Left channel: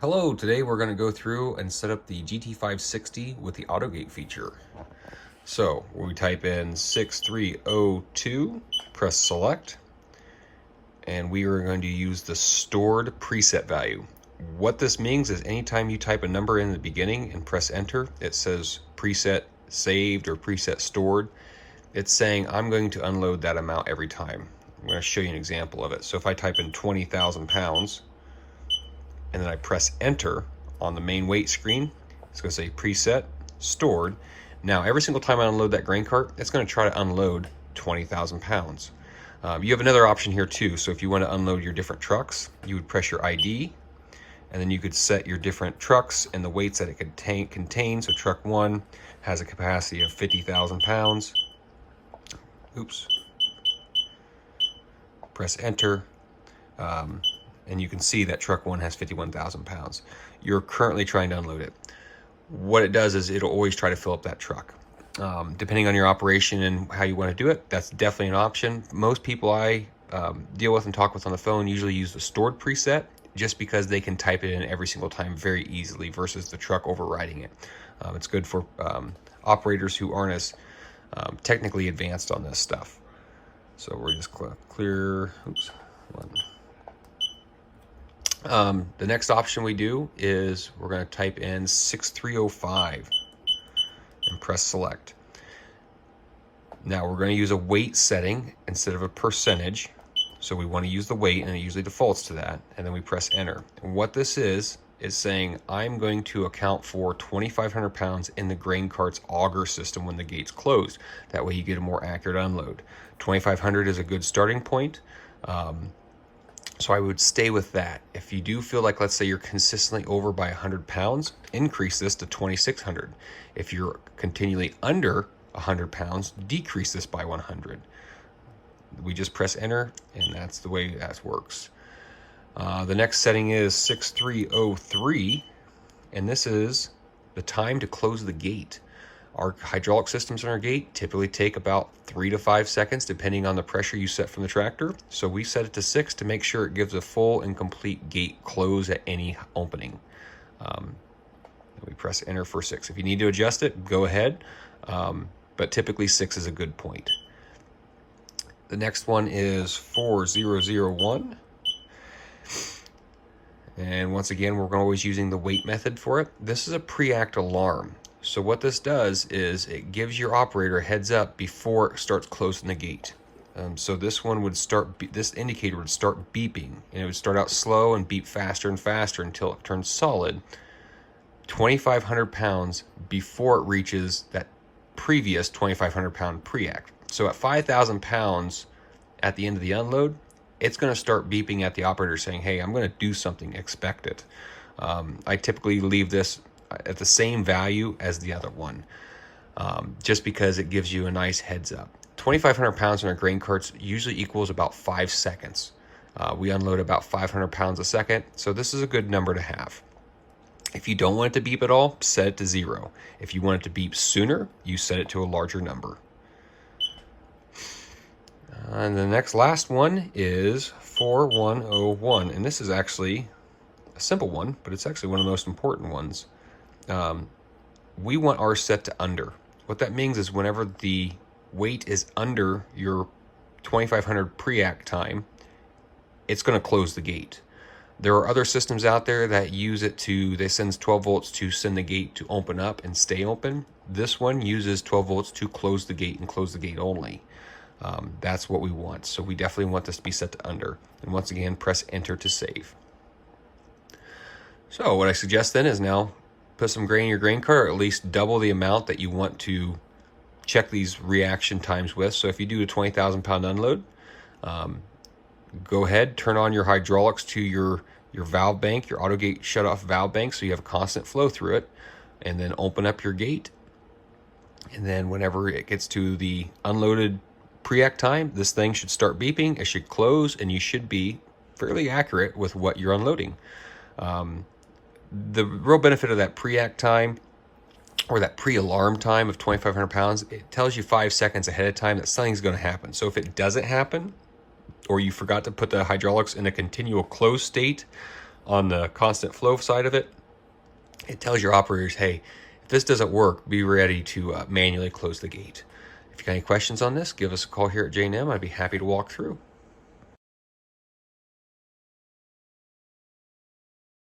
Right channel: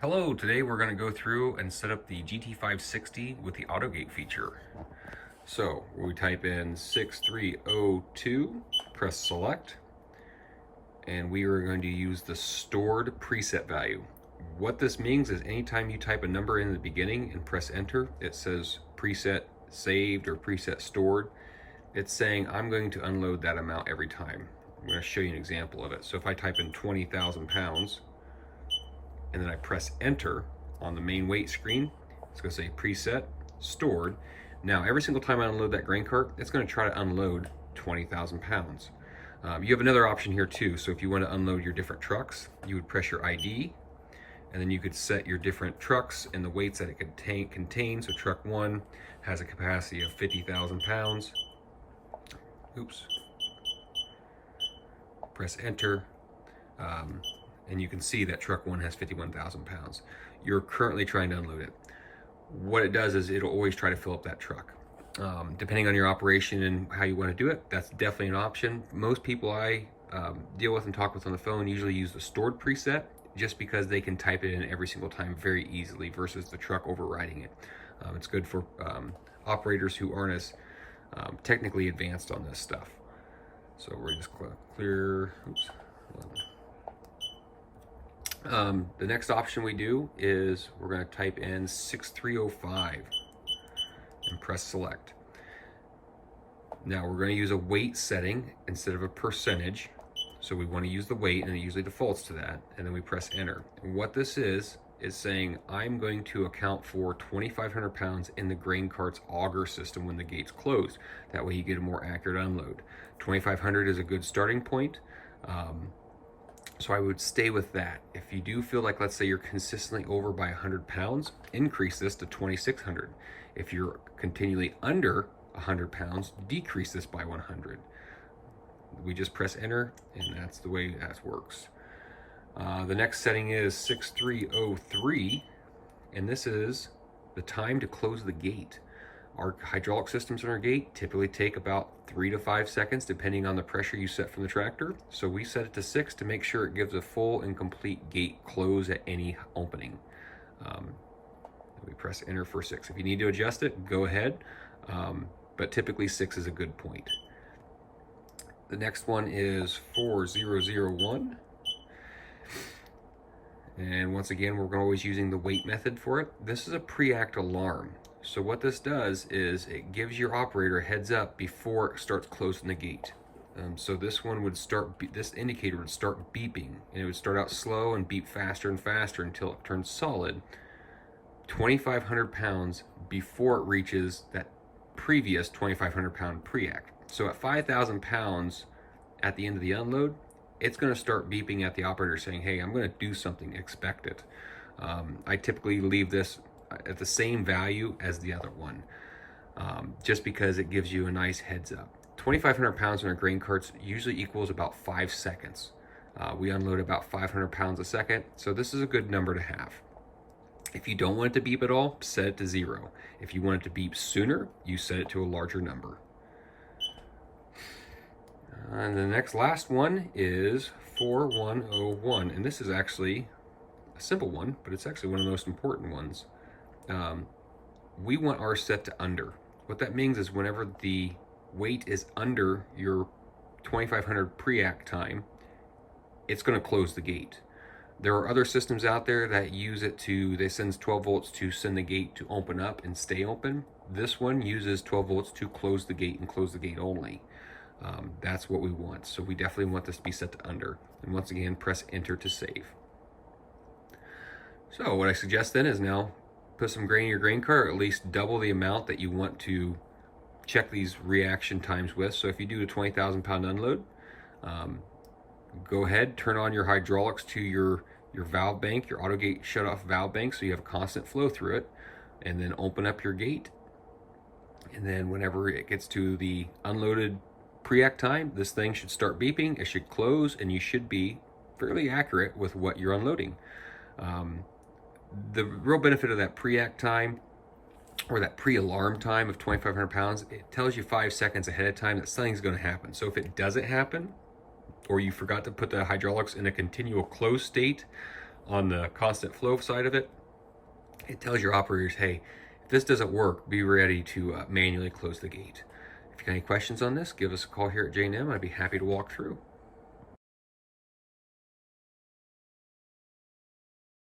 Hello, today we're going to go through and set up the GT560 with the AutoGate feature. So we type in 6302, press select, and we are going to use the stored preset value. What this means is anytime you type a number in the beginning and press enter, it says preset saved or preset stored. It's saying I'm going to unload that amount every time. I'm going to show you an example of it. So if I type in 20,000 pounds, and then I press enter on the main weight screen, it's going to say preset stored. Now every single time I unload that grain cart, it's going to try to unload 20,000 pounds. You have another option here too. So if you want to unload your different trucks, you would press your ID, and then you could set your different trucks and the weights that it could contain. So truck 1 has a capacity of 50,000 pounds. Oops. Press enter. And you can see that truck 1 has 51,000 pounds. You're currently trying to unload it. What it does is it'll always try to fill up that truck. Depending on your operation and how you want to do it, that's definitely an option. Most people I deal with and talk with on the phone usually use the stored preset just because they can type it in every single time very easily versus the truck overriding it. It's good for operators who aren't as technically advanced on this stuff. So we're just clear, oops, one. The next option we do is we're going to type in 6305 and press select. Now we're going to use a weight setting instead of a percentage. So we want to use the weight, and it usually defaults to that. And then we press enter. And what this is saying I'm going to account for 2,500 pounds in the grain cart's auger system when the gate's closed. That way you get a more accurate unload. 2,500 is a good starting point. So I would stay with that. If you do feel like, let's say you're consistently over by 100 pounds, increase this to 2,600. If you're continually under 100 pounds, decrease this by 100. We just press enter, and that's the way that works. The next setting is 6303, and this is the time to close the gate. Our hydraulic systems in our gate typically take about 3 to 5 seconds depending on the pressure you set from the tractor. So we set it to 6 to make sure it gives a full and complete gate close at any opening. We press enter for 6. If you need to adjust it, go ahead. But typically 6 is a good point. The next one is 4001. And once again, we're always using the weight method for it. This is a pre-act alarm. So what this does is it gives your operator a heads up before it starts closing the gate. So this one would start, this indicator would start beeping, and it would start out slow and beep faster and faster until it turns solid 2,500 pounds before it reaches that previous 2,500 pound pre-act. So at 5,000 pounds at the end of the unload, it's going to start beeping at the operator saying, hey, I'm going to do something, expect it. I typically leave this at the same value as the other one, just because it gives you a nice heads up. 2,500 pounds in our grain carts usually equals about 5 seconds. We unload about 500 pounds a second, so this is a good number to have. If you don't want it to beep at all, set it to 0. If you want it to beep sooner, you set it to a larger number. And the last one is 4101, and this is actually a simple one, but it's actually one of the most important ones. We want ours set to under. What that means is whenever the weight is under your 2,500 pre-act time, it's going to close the gate. There are other systems out there that use it to, they send 12 volts to send the gate to open up and stay open. This one uses 12 volts to close the gate and close the gate only. That's what we want. So we definitely want this to be set to under. And once again, press enter to save. So what I suggest then is now put some grain in your grain cart, or at least double the amount that you want to check these reaction times with. So if you do a 20,000 pound unload, go ahead, turn on your hydraulics to your valve bank, your AutoGate shutoff valve bank, so you have a constant flow through it, and then open up your gate. And then whenever it gets to the unloaded pre-act time, this thing should start beeping, it should close, and you should be fairly accurate with what you're unloading. The real benefit of that pre-act time, or that pre-alarm time of 2,500 pounds, it tells you 5 seconds ahead of time that something's going to happen. So if it doesn't happen, or you forgot to put the hydraulics in a continual closed state, On the constant flow side of it, it tells your operators, hey, if this doesn't work, be ready to manually close the gate. If you got any questions on this, give us a call here at J&M. I'd be happy to walk through.